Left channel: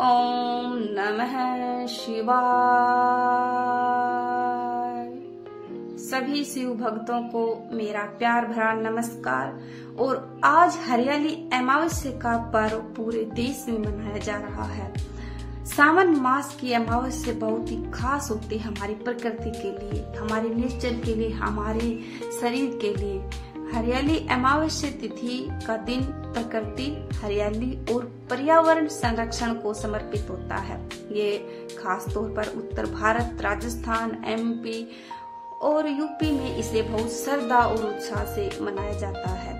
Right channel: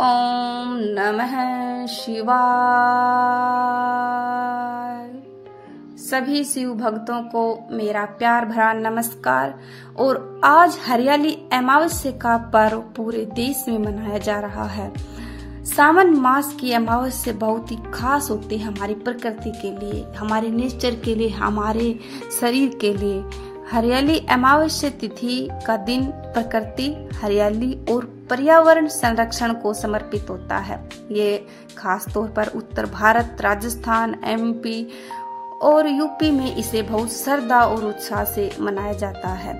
ओम नमः शिवाय। सभी शिव भक्तों को मेरा प्यार भरा नमस्कार। और आज हरियाली अमावस्या का पर्व पूरे देश में मनाया जा रहा है। सावन मास की अमावस्या बहुत ही खास होती है हमारी प्रकृति के लिए, हमारे नेचर के लिए, हमारे शरीर के लिए। हरियाली अमावस्या तिथि का दिन प्रकृति, हरियाली और पर्यावरण संरक्षण को समर्पित होता है। ये खास तौर पर उत्तर भारत, राजस्थान, एमपी और यूपी में इसे बहुत श्रद्धा और उत्साह से मनाया जाता है।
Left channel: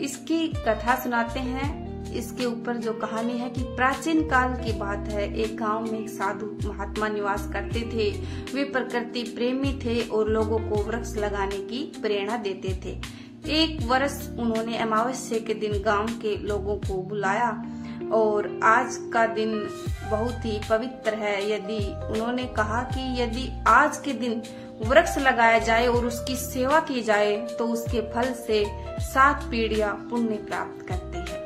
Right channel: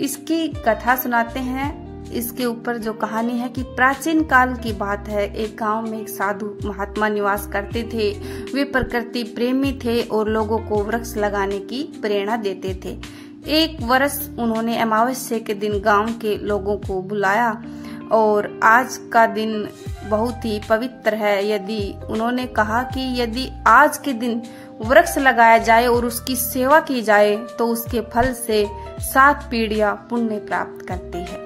इसकी कथा सुनाते हैं। इसके ऊपर जो कहानी है कि प्राचीन काल की बात है। एक गांव में एक साधु महात्मा निवास करते थे। वे प्रकृति प्रेमी थे और लोगों को वृक्ष लगाने की प्रेरणा देते थे। एक वर्ष उन्होंने अमावस्या के दिन गांव के लोगों को बुलाया और आज का दिन बहुत ही पवित्र है। उन्होंने कहा कि यदि आज के दिन वृक्ष लगाया जाए और उसकी सेवा की जाए तो उसके फल से 7 पीढ़ियां पुण्य प्राप्त करती है।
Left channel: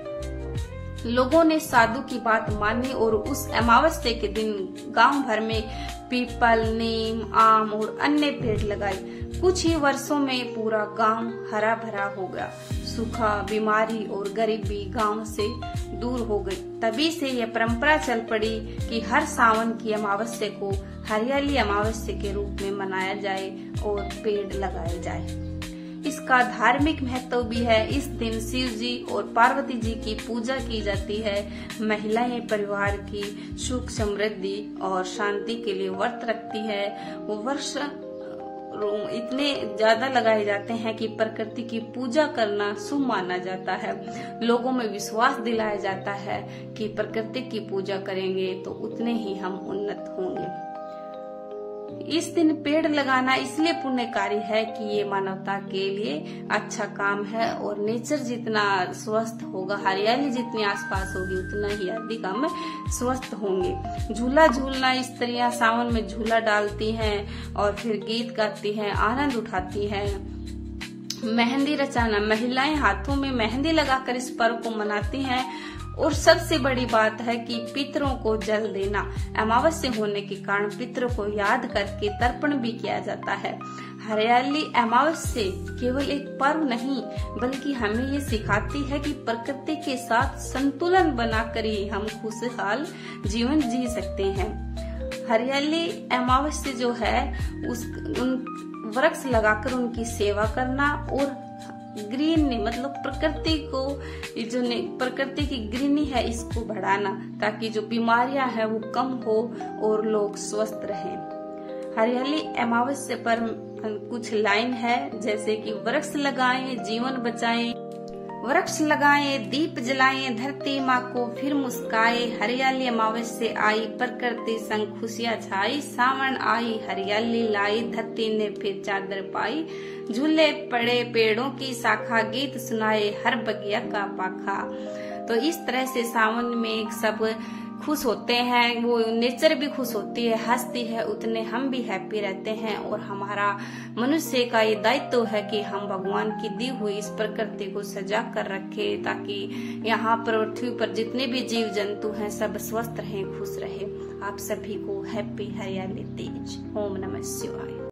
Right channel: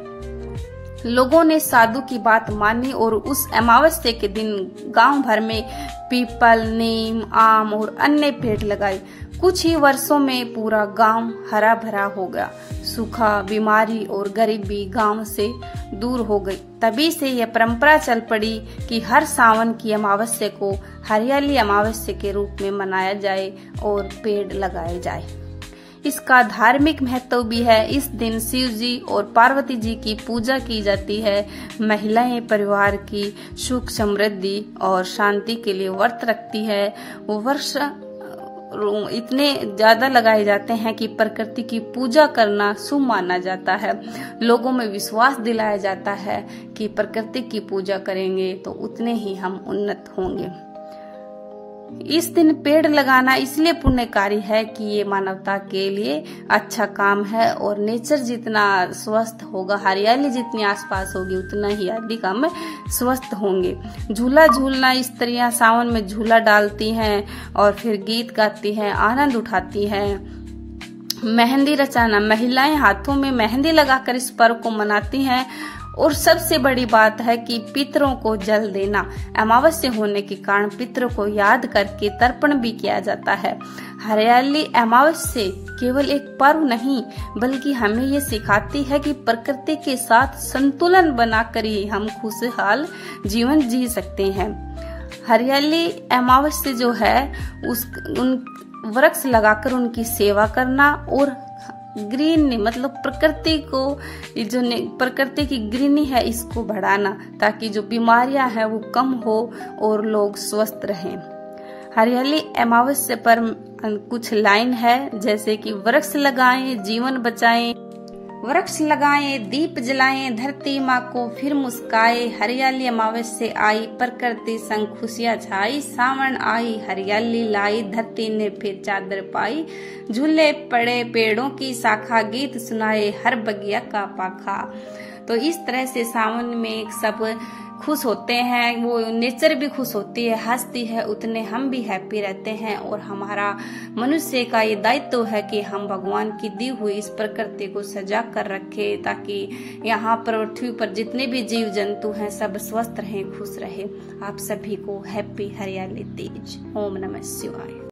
लोगों ने साधु की बात मानी और उस अमावस्या के दिन गांव भर में पीपल, नीम, आम और अन्य पेड़ लगाए। कुछ ही वर्षों में पूरा गांव हरा भरा हो गया। सूखा, बीमारी और गरीबी गांव से दूर हो गई। तभी से यह परंपरा चल पड़ी कि हर सावन की अमावस्या को हरियाली अमावस्या के रूप में मनाया जाए और पेड़ लगाए जाए। इसका धार्मिक महत्व भी है। इस दिन शिव जी और पार्वती जी की पूजा की जाती है। महिलाएं परिवार की सुख, समृद्धि और शांति के लिए व्रत रखती है। वर्ष इतने ज्यादा लगाए जाते हैं कि प्रकृति की पूजा करना शुभ माना जाता है। लोगों में विश्वास दिलाया जाता है कि प्रकृति की पूजा करेंगे तो उतने ही हम उन्नत होंगे। इस दिन पेड़ लगाना इसलिए पुण्यकारी है कि ये मानवता के लिए अच्छा काम है और नेचर जितना स्वस्थ होगा, हरियाली जितनी आसपास होगी, उतना ही अधिक हम स्वस्थ होंगे। झूला झूलना, स्त्रियां सावन में झूला डालती हैं और फिर गीत गाती हैं, आनंद उठाती हैं। मेहंदी रचाना, महिलाएं हाथों में मेहंदी लगाकर इस पर्व को मनाती हैं। और सबसे बड़ी बात है कि पितरों को जल देना। अमावस्या होने के कारण पितरों को याद करके तर्पण भी किया जाता है। हरियाली अमावस्या केवल एक पर्व नहीं बल्कि हमें ये सिखाती है कि प्रकृति के साथ संतुलन बनाकर ही हम खुशहाल जीवन जी सकते हैं। हरियाली अमावस्या जो है उन वृक्ष लगाकर उनकी सेवा करना और ग्रीनरी मतलब प्रकृति को, जो प्रकृति की ग्रीनरी है, इसको बढ़ाना ताकि जो बीमारियां हैं वो कम हो और लोग स्वस्थ रहें। हरियाली अमावस्या पर कुछ लाइन है जैसे कि वृक्ष लगाएं, जीवन बचाएं, वृक्ष लगाएं, दीप जलाएं, धरती माँ को फिर मुस्काए। हरियाली अमावस्या आई, प्रकृति संग खुशियाँ छाई। सावन आई, हरियाली लाई, धरती ने फिर चादर पाई। झूले पड़े पेड़ों की शाखा, गीत सुनाए हर बगिया का पाखा। तो इस तरह से सावन में सब खुश होते हैं, वो नेचर भी खुश होती है, हंसती है, उतने हम भी हैप्पी रहते हैं। और हमारा मनुष्य का ये दायित्व है कि हम भगवान की दी हुई इस प्रकृति को सजा कर रखें ताकि यहाँ पृथ्वी पर जितने भी जीव जंतु हैं सब स्वस्थ रहें, खुश रहें। आप सभी को हैप्पी हरियाली तीज। ओम नमः शिवाय।